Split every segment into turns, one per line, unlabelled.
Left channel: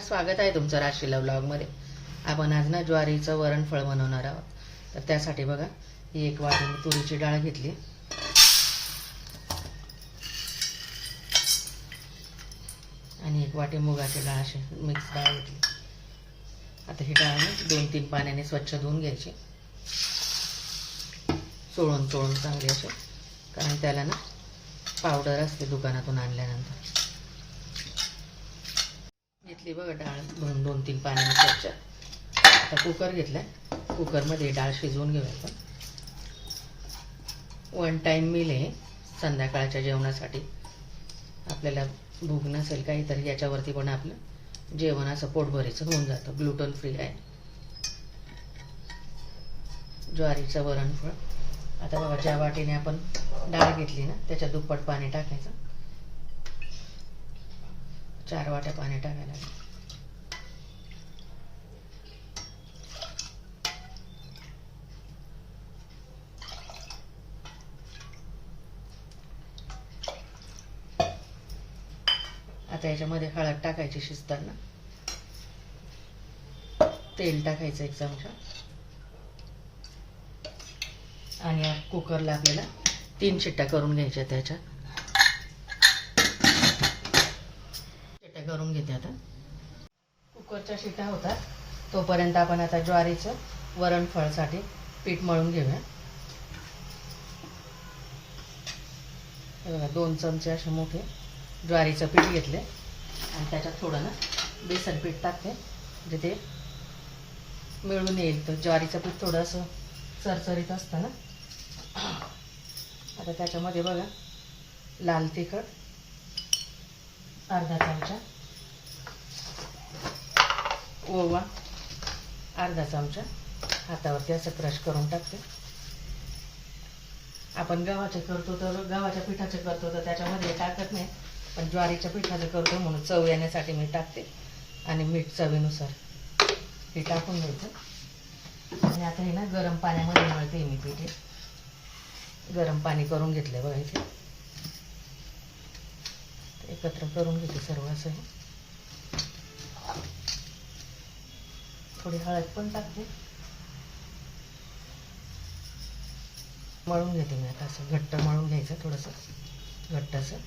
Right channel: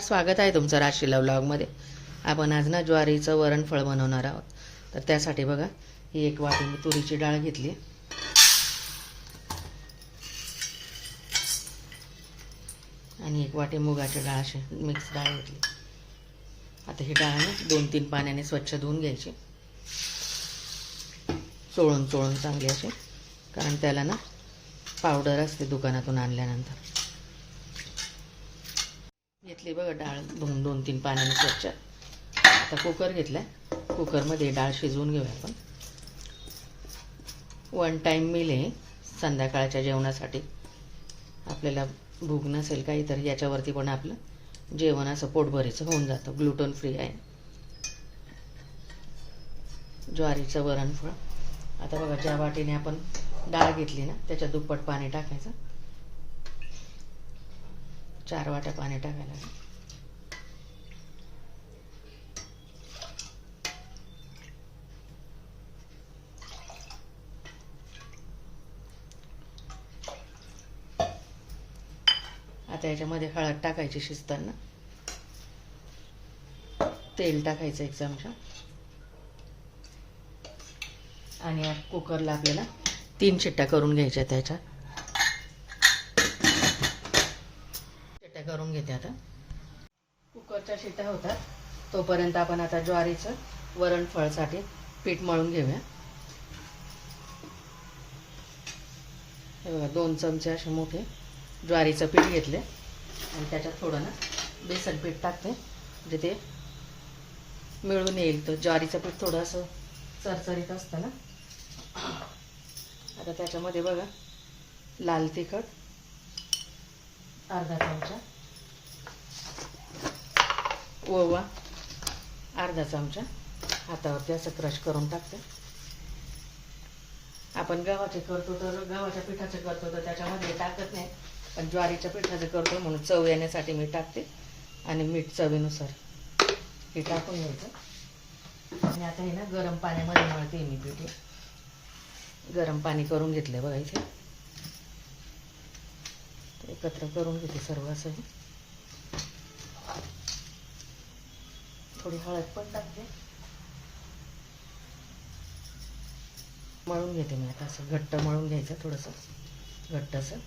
स्वागत आहे तुमचं राशीला ब्लॉगमध्ये आपण आज ना ज्वारीचं वरणफळ बनवणार आहोत. तर त्यासाठी बघा ही एक वाटी मी तुरीची डाळ घेतली. आणि एक वाटी मुगाची डाळ अशी मिक्स डाळ घेतली. आता ही डाळ मी दोन तीन पाण्याने स्वच्छ धुवून घ्यायची. चोळून चोळून चांगली अशी. कारण त्याला ना पावडर असते दुकानातून आणल्यानंतर. घातली बघा डाळ दोन दोन तीन पाण्याने स्वच्छ. आता कुकर घेतलाय. कुकरमध्ये डाळ शिजवून घेऊया आपण. वन टाईम मिल आहे संध्याकाळच्या जेवणासाठी. आपल्याला भूक नसेल काही तर याच्यावरती पण आपलं जेवण असं पोटभरीचं होऊन जातं. ग्लुटन फ्री आहे. ज्वारीचं वरणफळ आता बघा ज्या वाटीने आपण डाळ घेतली ना त्याच्या दुप्पट पाणी टाकायचं. चार वाट्या पाणी टाकायला. आता याच्यामध्ये हळद टाकायची शिजताना. तेल टाकायचं एक चमचा. आणि कुकरला आपल्याला तीन शिट्ट्या करून घ्यायच्या त्याच्या शिट्ट्या करून घेते आता कुकरच्या शिटा होतात तोपर्यंत आपण आता ज्वारीचं वरणफळसाठी पीठ मळून घेऊया. दोन चमचे असे मोठे ज्वारीचं पीठ घेतले. आणि त्याच्यात थोडं ना बेसन पीठ टाकते. म्हणजे ते मिळून येईल. तर ज्वारीचं पीठ थोडं असं चरचरीत असतं ना. आता त्याच्यामध्ये बघा लाल तिखट अर्धा चमचा. ओवा. अर्धा चमचा. हातावरती असं क्रश करून टाकते. आपण गव्हाचे करतो तर गव्हाच्या पिठाचे करतो तर त्याच्यामध्ये टाकत नाही. पण ज्वारीच्या पिठाचं करतो म्हणून चव येण्यासाठी मी टाकते. आणि मीठ चवीनुसार हे टाकून घ्यायचं आणि आता हे ना गरम पाण्यामध्ये मळते मी पिठे गरम पाणी करून घेतलं बघा इथे. एकत्र करून घेते सर्व असं. थोडी हळद पण टाकते. मळून घेते मी आता असं घट्ट मळून घ्यायचं थोडंसं. घट्ट असं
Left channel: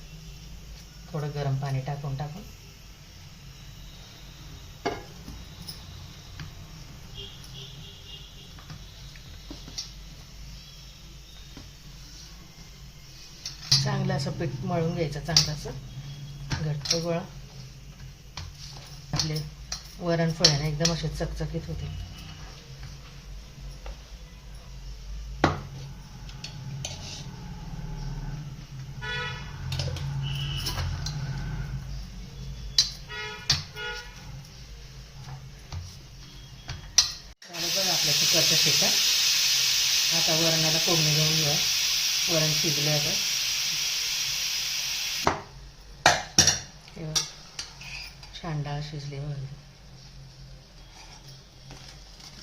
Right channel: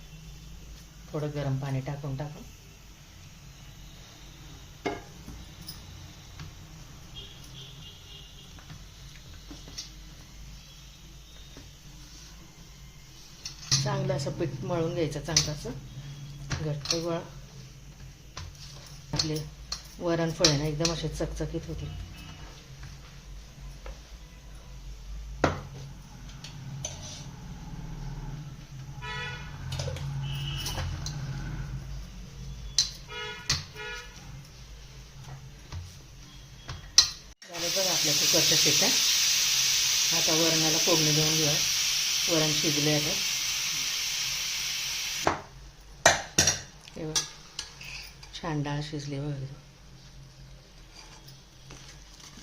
थोडं गरम पाणी टाकून टाकून. चांगलं असं पीठ मळून घ्यायचं चांगलं असं. घट्ट गोळा. आपले वरण फळे ना एकदम असे चकचकीत होते आपल्या आता वरणाला फोडणी घेऊन घेऊया. वरण शिजले आता. हे शिजले वगैरे शिजली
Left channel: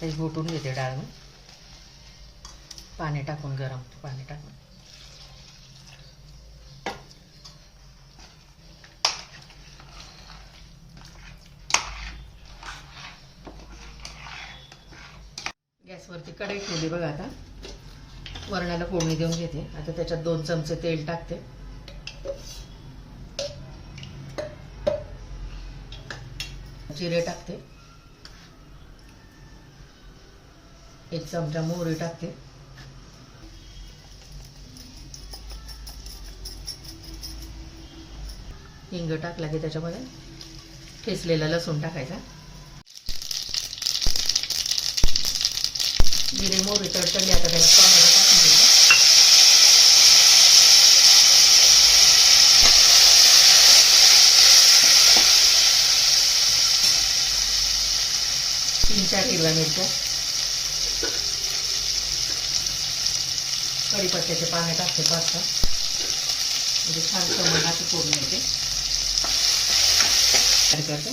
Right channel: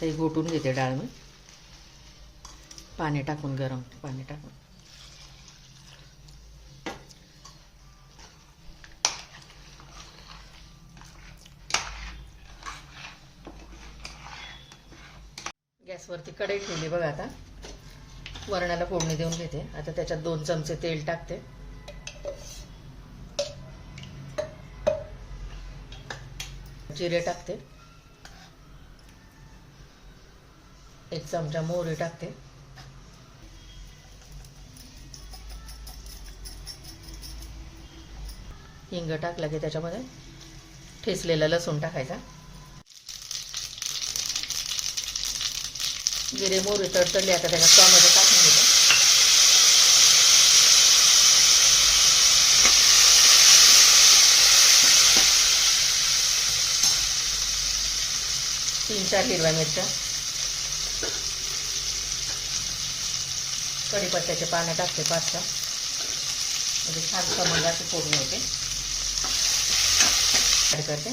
ते घोटून घेते डाळ मी पाणी टाकून गरम पाणी टाकून. गॅसवरती कढई ठेवली बघा आता. वरणाला फोडणी देऊन घेते. आता त्याच्यात दोन चमचे तेल टाकते. जिरे टाकते. एक चमचा मोहरी टाकते. हिंग टाकला की त्याच्यामध्ये ठेचलेला लसूण टाकायचा. जिरे मोहरी तडतडली आता त्याला टोमॅटो टाकून घ्यायचा तीन चार हिरव्या मिरच्या. कढीपत्त्याचे पानं टाकते पाच म्हणजे छान कमी पूर्ण होते. काय करते.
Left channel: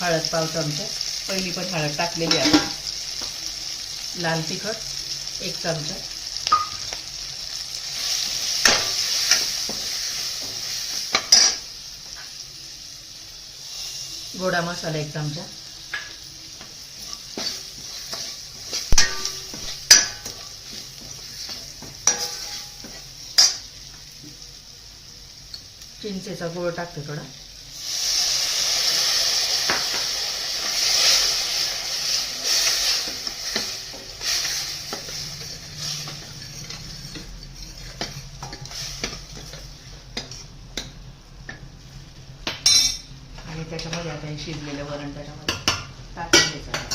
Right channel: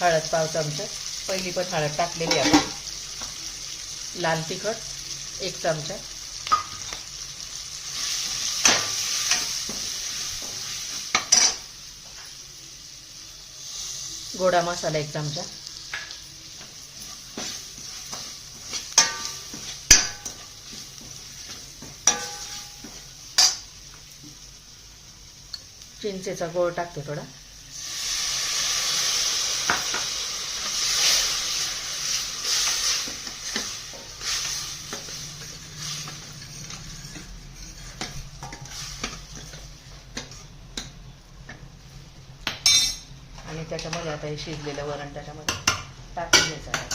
हळद पाव चमचे. पहिली पण हळद टाकलेली आहे. लाल तिखट एक चमचा. गोडा मसाला एक चमचा. चिंचेचा गोळ टाकते थोडा. आणि त्याच्यामध्ये आता हे शिजलेलं वरण त्याच्यामध्ये टाकून घ्यायचं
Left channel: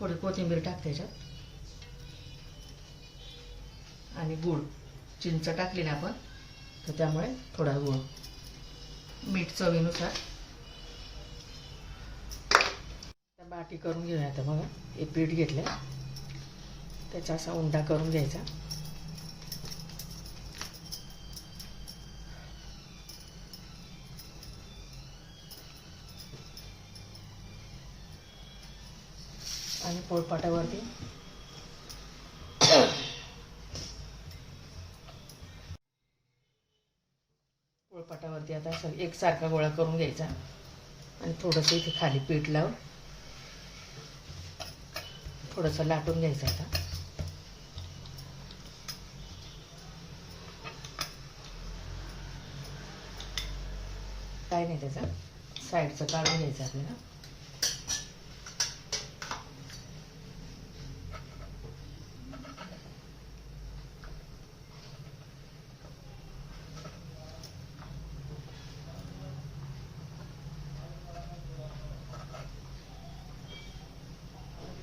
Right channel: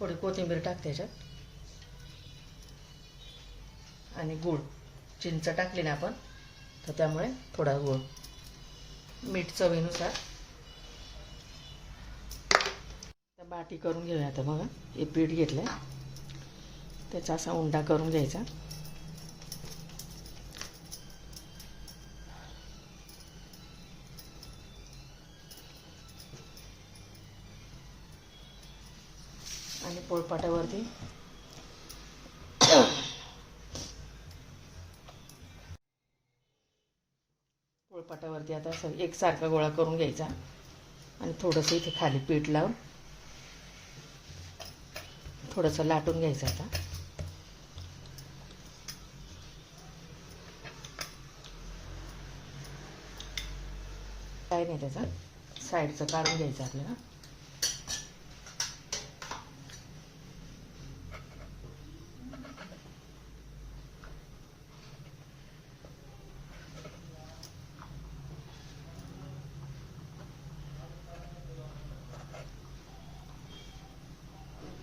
थोडी कोथिंबीर टाकते याच्यात आणि गूळ चिंच टाकली ना आपण. तर त्यामुळे थोडा गूळ. मीठ चवीनुसार. बाटी करून घेऊया आता बघा. हे पीठ घेतलं त्याचा असा उंडा करून घ्यायचा. आणि पोळपाटावरती. पोळपाटावरती आता असं एकसारखा गोळा करून घ्यायचा. आणि थोडंसं इथे खाली पीठ लावून थोडंसं लाटून घ्यायचं आता. काय नाही त्याचा. साईडचं काढून घ्यायचं आपल्याला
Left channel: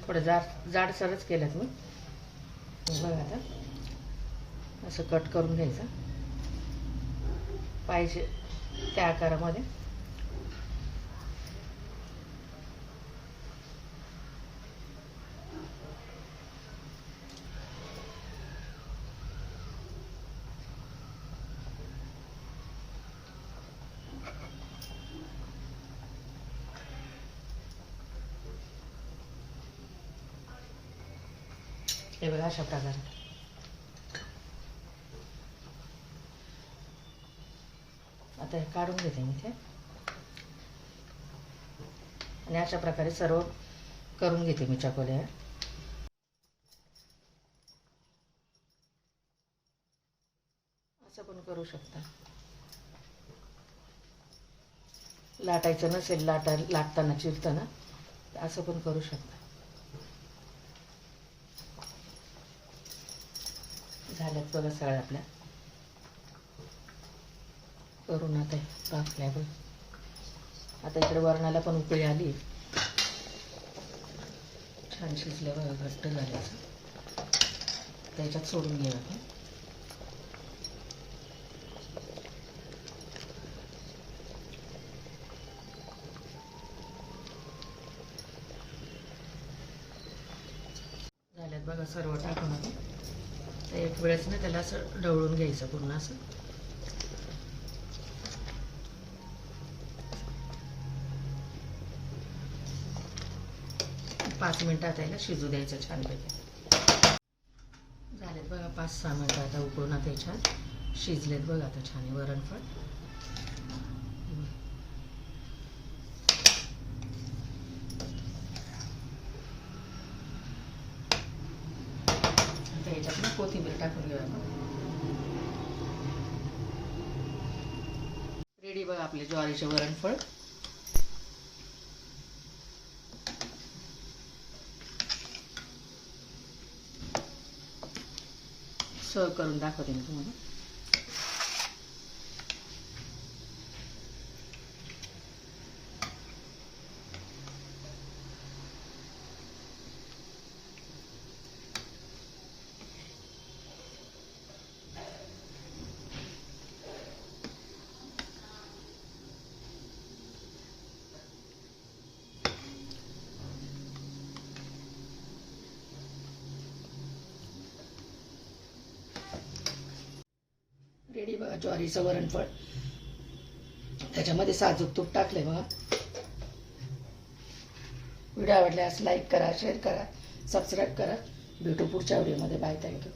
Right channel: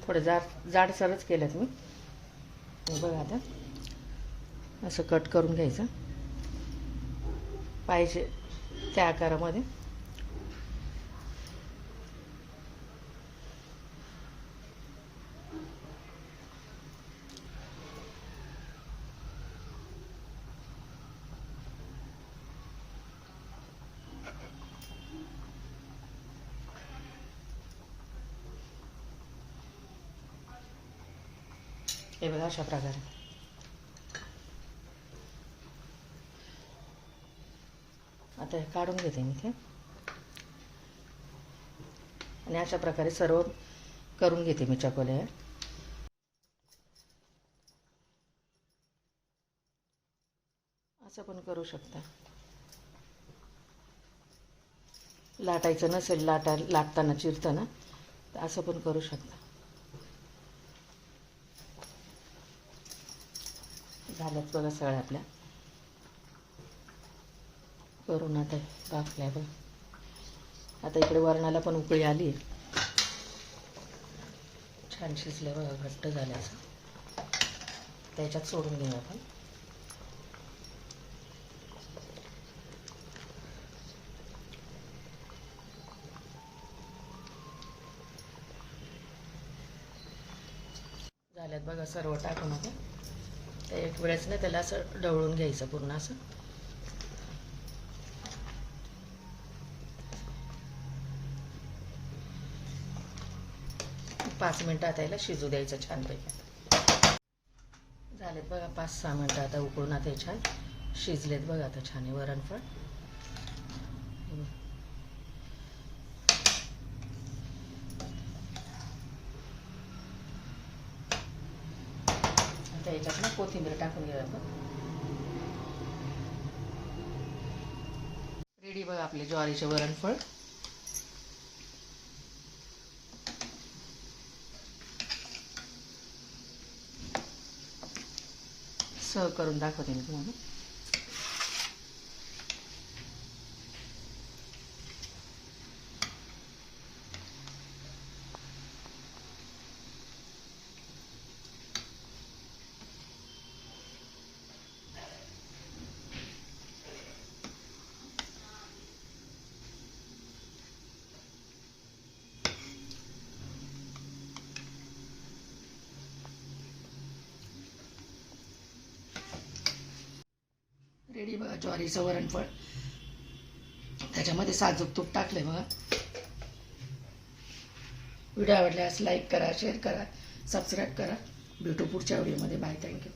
थोडं जाड जाडसरच केलं मी. बघा आता. असं कट करून घ्यायचं. पाहिजे त्या आकारामध्ये. हे बघा अशा प्रकारे. आता काढून घेते मी ते. आणि अशा प्रकारे सर्व करून घेते मी चकोल्या असं पण करू शकता. लाटायचं नसेल लाटा लाटताना चिरताना असं पण करू शकता. झाल्यात बघा सगळ्या आपल्या. करून आता कापल्या बघ आता इकडे वरणाला पण उकळी आली. छान शिजल्या बघा घट्ट झाल्याचं. त्याच्यात सोडून घेऊ आपण झाल्यात बघा सर्व टाकून आपण तर एक वेळेस ना त्याला असं ढवळून घ्यायचं पूर्ण असं. पाच मिनटं आता याला शिजू द्यायचं छानपैकी. झालेत बघा पाच सहा मिनटं आता उकळून आता हे छान शिजलेत बघा आता छान वरणफळ आता याच्यात ना कोथिंबीर टाकून घेऊया आपण रेडी बघा आपले ज्वारीचे वरणफळ सर्व करून दाखवते मी तुम्हाला. रेडी बघा ज्वारीचं वरणफळ. त्याच्यामध्ये साजूक तूप टाकलंय बघा.
व्हिडिओ आवडल्यास लाईक करा शेअर करा सबस्क्राईब करा. भेटू पुढच्या व्हिडिओमध्ये. Bye thank you.